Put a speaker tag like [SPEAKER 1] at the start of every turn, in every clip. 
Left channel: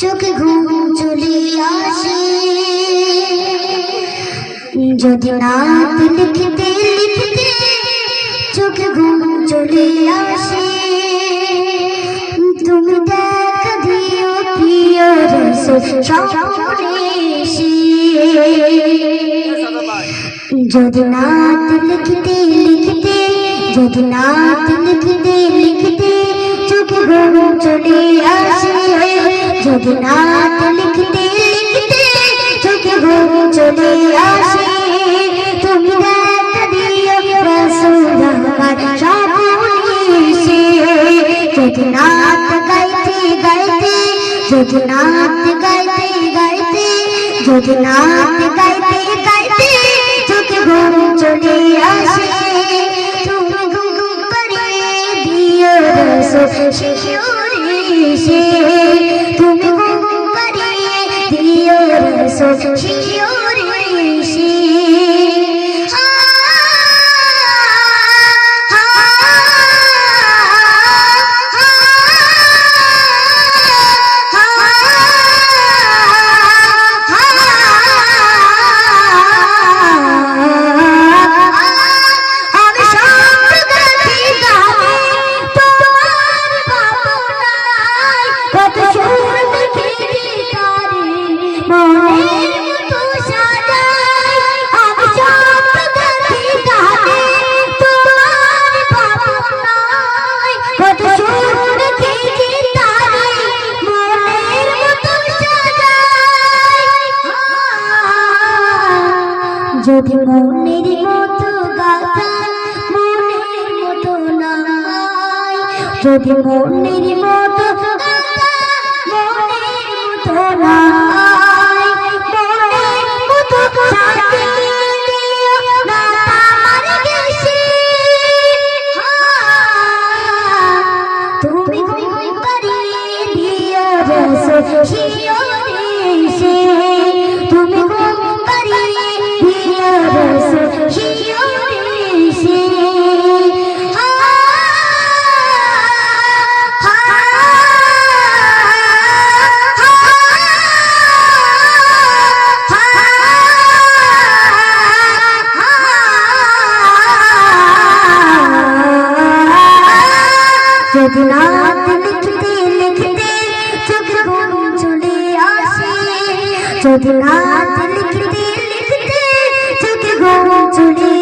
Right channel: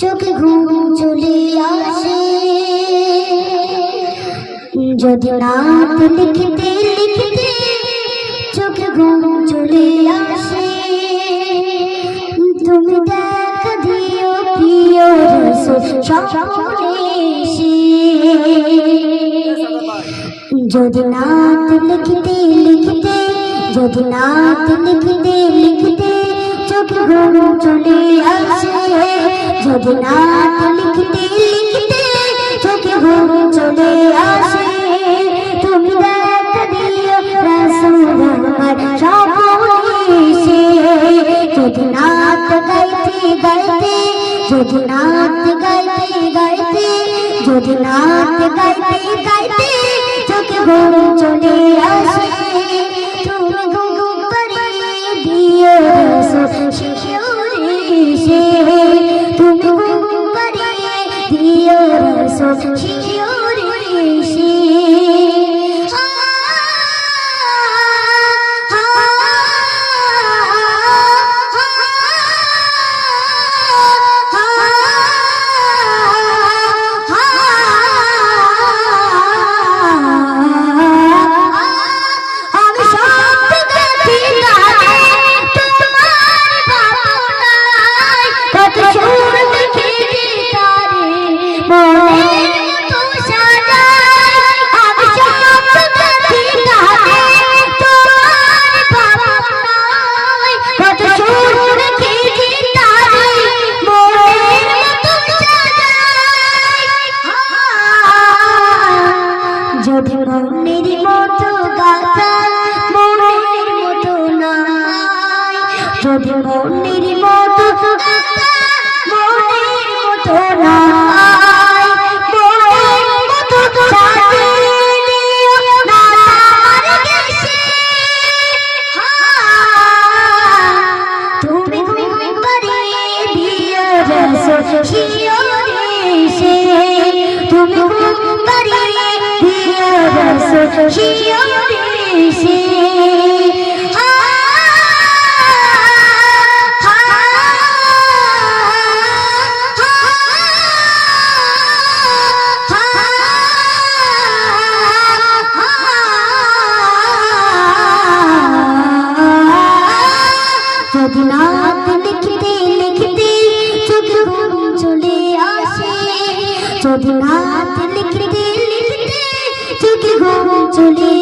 [SPEAKER 1] চোখে ঘুম চলে আসে যদি রাত লিখতে লিখতে চোখে ঘুম চলে আসে, তুমি দেখা দিও প্রিয়। যদি নাত লিখতে লিখতে, যদি নাত লিখতে লিখতে চোখে ঘুম চলে আসে যদি নাত লিখতে লিখতে চোখে ঘুম চলে আসে, তুমি দেখা দিও রসুল আমার স্বপ্নে এসে। যদি নাত গাইতে গাইতে, যদি নাত গাইতে গাইতে, যদি নাত গাইতে গাইতে চোখে ঘুম চলে আসে তুমি ঘুম করিয়ে দিও রসুল শিশুরে এসে তুমি দিও রসুল মনের মতো গাথা, মনের মতো নাই। যদি মনের মতো গাথা, মনের মতো নাই। মনের মতো তুমি সে তুমি রাত লিখতে লিখতে চোখে ঘুম চলে আসে। যদি রাত লিখতে লিখতে চোখে ঘুম চলে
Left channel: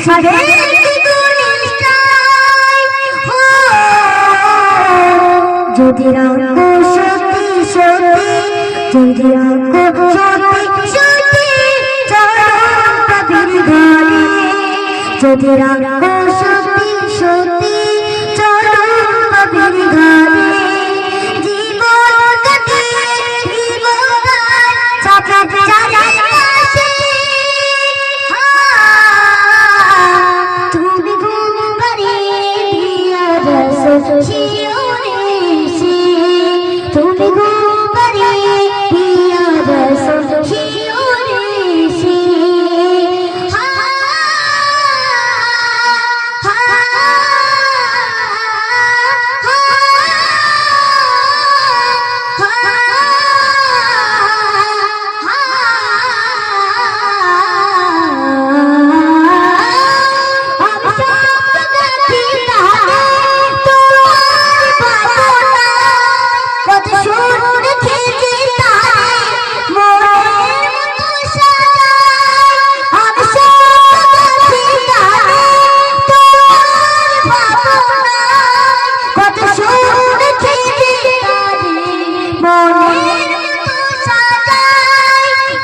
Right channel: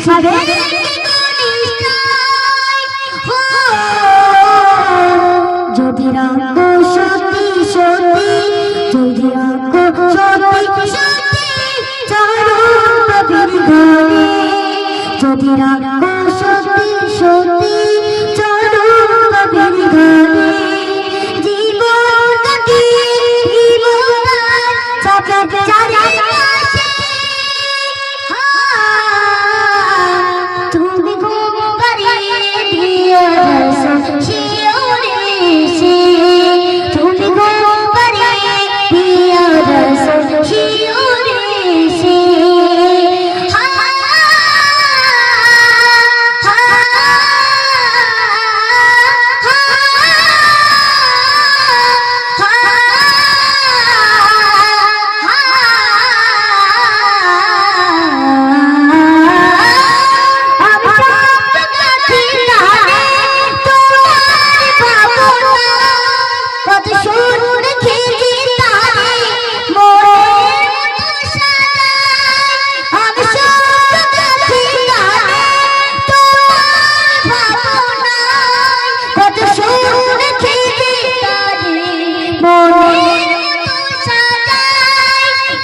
[SPEAKER 1] আসবে যদি রাখো সত্যি সত্যি যদি রাখো সত্যি সত্যি চরণ যদি রাখো সত্যি সত্যি রসুল শিওরে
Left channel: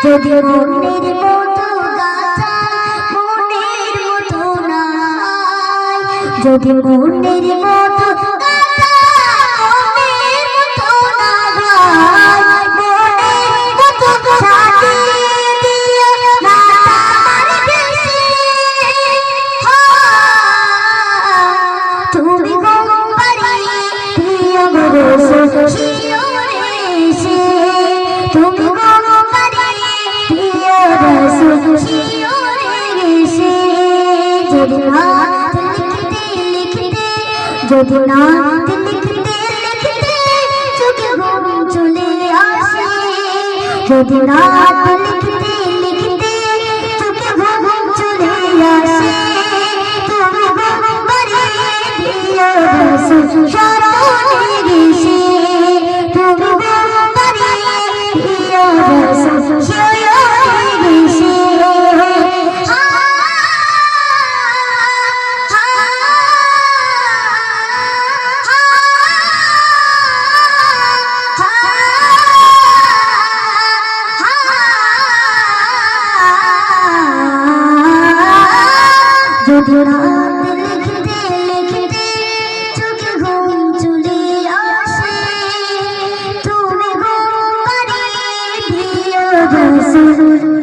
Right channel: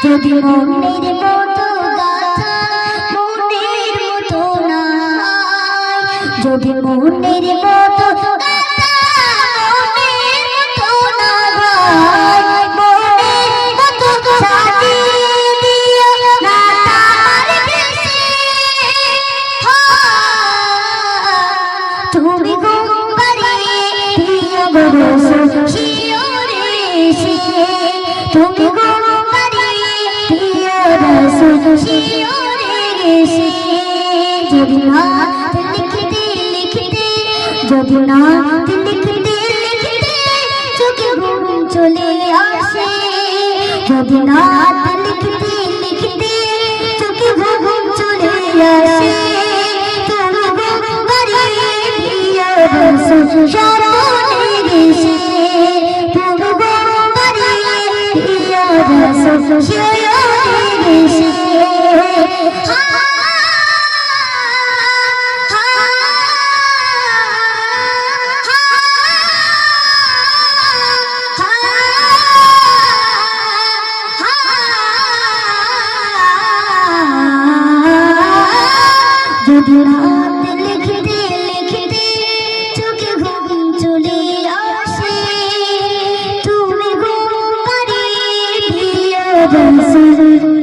[SPEAKER 1] যদি মনের মতো গাথা মনের মতো নাই। যদি মনের মতো না না তুমি গোপারে যদি না লিখতে লিখতে যদি না লিখতে লিখতে চোখে ঘুম চলে আসে যদি না লিখতে লিখতে চোখে ঘুম চলে আসে তুমি গোপারে প্রিয় যদি রাত লিখতে লিখতে চোখে ঘুম চলে আসে তুমি গোপারে প্রিয় রসুল